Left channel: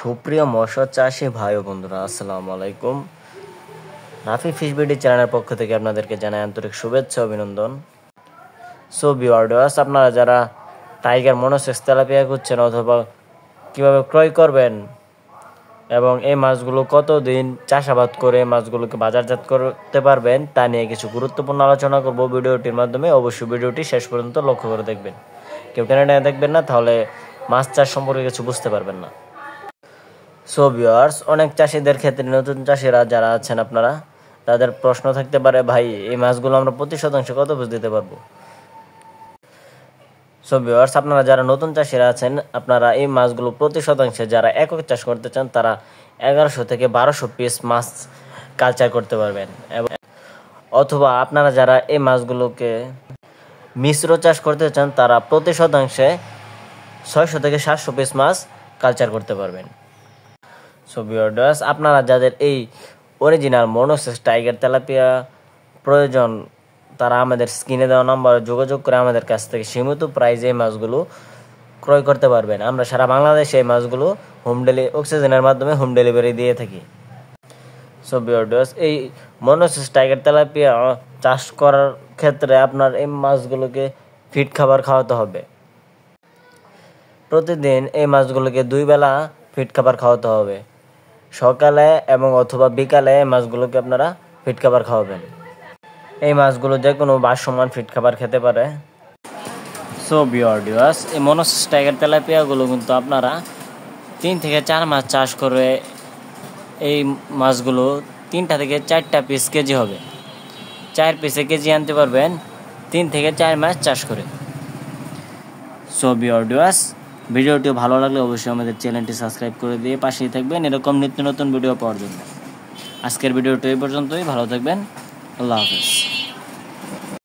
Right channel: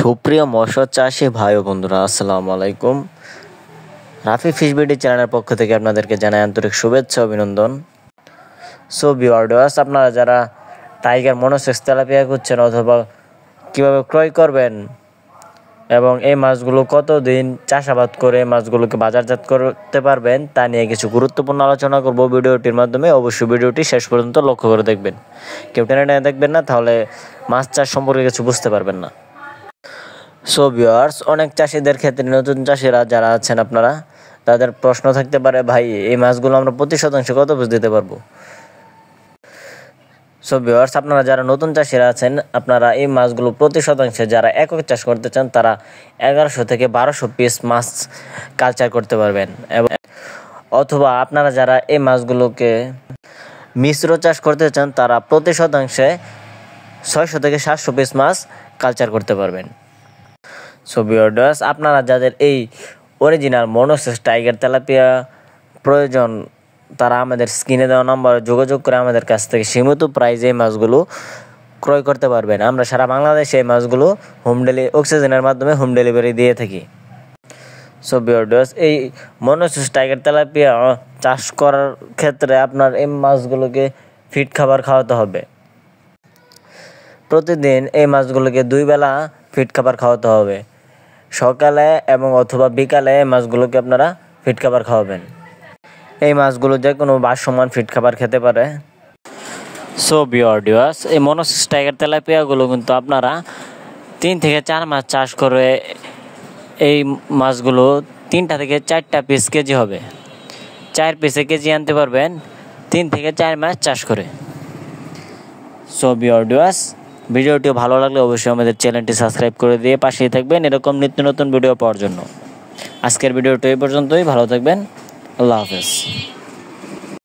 সুপ্রিয় মৎস্য চাষী ভাই ও বন্ধুরা, আসসালামু আলাইকুম। রাফি ফিশ বিডি চ্যানেলের পক্ষ থেকে আপনাদেরকে জানাই আন্তরিক শুভেচ্ছা অভিনন্দন। সো ভিউয়ার্স, আপনারা যারা টাইগার মনোসেক্স তেলাপিয়া খুঁজছেন অথবা কীভাবে ক্রয় করবেন এবং এই মাছগুলো কতদিন চাষাবাদ করে মাছগুলোকে বাজারজাত করতে পারবেন তা নিয়ে কিছু গুরুত্বপূর্ণ আলোচনা করব ভিডিওটির মাধ্যমে। অবশ্যই ভিডিওটি শেষ পর্যন্ত লক্ষ্য করে দেখবেন। কেউ টেনে দেখবেন না, তাহলে মাছ চাষ সম্পর্কে কিছু বুঝতে পারবেন না। সো ভিউয়ার্স, অনেক চাষিদের ক্ষেত্রে নতুন চাষিরা যারা আছেন আপনারা, তাদের প্রশ্ন থাকতে পারে, ভাই এই মাছগুলো আমরা প্রতি শতাংশে কত পিস দিতে পারবো? সো ভিউয়ার্স, আপনারা যারা নতুন চাষিরা আছেন, আপনারা এই মাছগুলো প্রতি শতাংশে যারা একক চাষ করতে চান তারা 1100 থেকে 1200 পিস মাছ কালচার করতে পারবেন। এবং অথবা আপনারা যারা এই মাছগুলোকে মিশ্র চাষ করতে চান তারা প্রতি শতাংশে 600 থেকে 700 পিস মাছ কালচার করতে পারবেন। সো ভিউয়ার্স, আপনারা যাদের এই অরিজিনাল মনোসেক্স টাইগার তেলাপিয়া প্রয়োজন তারা আমাদের স্ক্রিনে দেওয়া নম্বরে যোগাযোগ করে আমাদের কাছ থেকে সীমিত প্রাইজে এই মাছগুলো ক্রয় করতে পারবেন। আমরা সারা বাংলাদেশে এই মাছগুলো অক্সিজেনের মাধ্যমে হোম ডেলিভারি দিয়ে থাকি। সো ভিউয়ার্স, এই মনোসেক্স টাইগার তেলাপিয়া চাষ করার ক্ষেত্রে আপনার এই মাছগুলোকে ফিড খাবার খাওয়াতে হবে। প্রতিদিন এই মাছগুলোকে 2 বেলা ফিড খাবার খাওয়াতে হবে। সকালে এবং অথবা বিকালে এই মাছগুলোকে আপনারা ফিড খাবার খাওয়াবেন। এই মাছগুলো যে কোনো ভাসমান ফিড খাবার খেতে পারে। সো ভিউয়ার্স, এই মনোসেক্স টাইগার তেলাপিয়াগুলো কিন্তু আপনারা 3 থেকে 4 মাস চাষ করে এই মাছগুলো 3টা থেকে 4টা পিস কেজি হবে। 4 পিসে কেজি আনতে পারবেন 3 থেকে 4 মাস চাষ করে। সো ভিউয়ার্স, ভিডিওটি ভালো লাগলে অবশ্যই আমাদের চ্যানেলটি সাবস্ক্রাইব করে দিয়ে পাশেই থাকবেন এরকম নিত্য নতুন ভিডিও পাওয়ার জন্য। আজকের ভিডিওটি এই পর্যন্তই। ভালো থাকবেন। আল্লাহ হাফেজ।